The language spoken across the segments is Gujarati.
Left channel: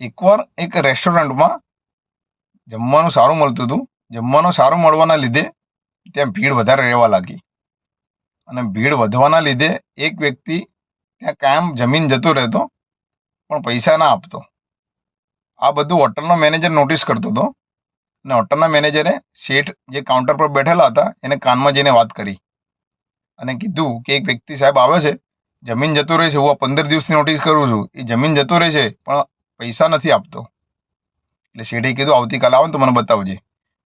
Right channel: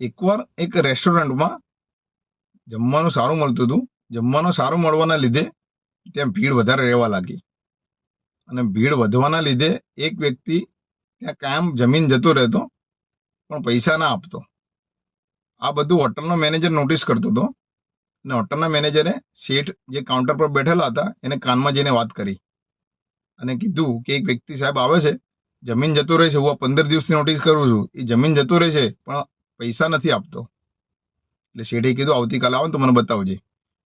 એકવાર એક રેસ્ટોરન્ટમાં જમવાનું સારું મળતું હતું. જમવાનું સારું મળવાના લીધે ત્યાં ભીડ વધારે રહેવા લાગી, અને ભીડ વધવાના લીધે એક વ્યક્તિ ત્યાં કાયમ જમીન જતો રહેતો પણ પૈસા ના આપતો. આ બધું હોટલનો મેનેજર નોટિસ કરતો હતો, અને હોટલના મેનેજરે શેઠ જે કાઉન્ટર પર બેઠેલા હતા એને કાનમાં જઈને વાત કરી અને કીધું કે એક વ્યક્તિ સાહેબ આવે છે, જમીન જતો રહે છે, હું આ 15 દિવસની નોટિસ કરું છું, એ જમીન જતો રહે છે પણ પૈસા નથી આપતો. એટલે શેઠે કીધું આવતીકાલે આવે ને તો મને બતાવજે.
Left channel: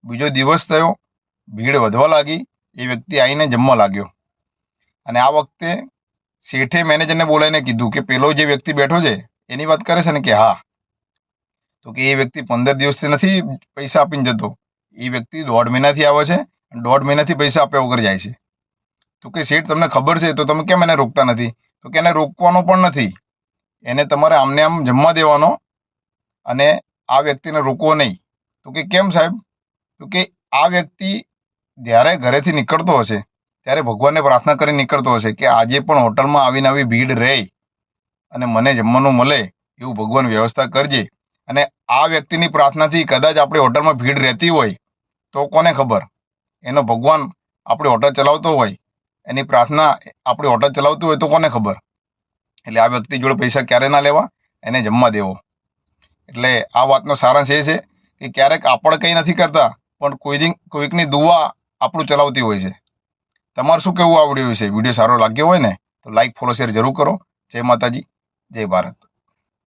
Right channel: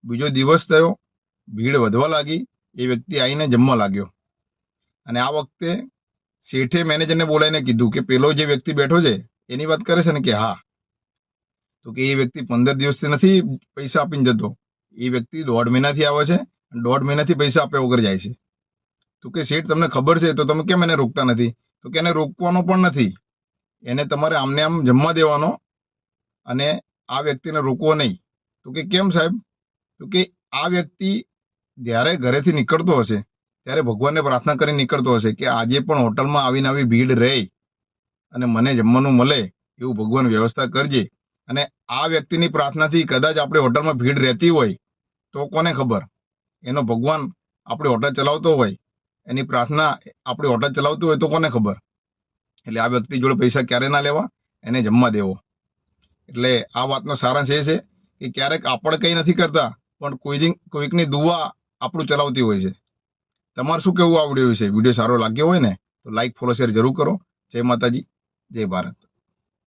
બીજો દિવસ થયો, ભીડ વધવા લાગી, એ વ્યક્તિ આવીને જમવા લાગ્યો, અને આ વખતે શેઠે મેનેજરને બોલાવીને કીધું કે પેલો જે વ્યક્તિ બેઠો છે એની વાત કરે છે ને? કે હા. તો કે એ વ્યક્તિ 15 દિવસથી નથી પૈસા આપીને જતો, એ વ્યક્તિ 1.5 મહિનાથી આવે છે અને 1.5 મહિનાથી પૈસા આપ્યા વગર જાય છે. તો કે શેઠ તમને ખબર છે તો તમે કેમ એને રોકતા નથી? તો કે એને રોકવાનો પણ નથી, એને તમારે આમને આમ જમવા દેવાનો, અને આ વ્યક્તિને રોકવો નહીં. તો કે કેમ સાહેબ? તો કે આ વ્યક્તિ જ્યારે ઘરેથી નીકળતો હશે ત્યારે ભગવાનને પ્રાર્થના કરી નીકળતો હશે કે આજે પણ હોટલમાં આવીને આવી ભીડ રહે અને મને જમવાનું મળે એવું ભગવાન વ્યવસ્થા કરજે. અને આ વ્યક્તિની પ્રાર્થનાથી કદાચ આપણી હોટલમાં ભીડ રહેતી હોય તો કોને ખબર, એનો ભગવાન આપણી હોટલ ચલાવતો હોય, એની પ્રાર્થના આપણી હોટલ ચલાવતું હોય તો કોને ખબર. એટલે આ વ્યક્તિ જોડે પૈસા ક્યારે ના લેવા, એને જમવા દેવો. એટલે આ વાતનો સારાંશ એ છે કે ક્યારેક આપણે કંઈ નથી કરતા પણ કોઈકની દુઆ આપણું ચલાવતી હોય છે. તમારે શું કહેવું આ વિડીયો વિશે? વિડીયો સારો લાગ્યો હોય ને તો લાઈક, ફોલો, શેર જરૂર કરો. જય માતાજી, જય ભારત.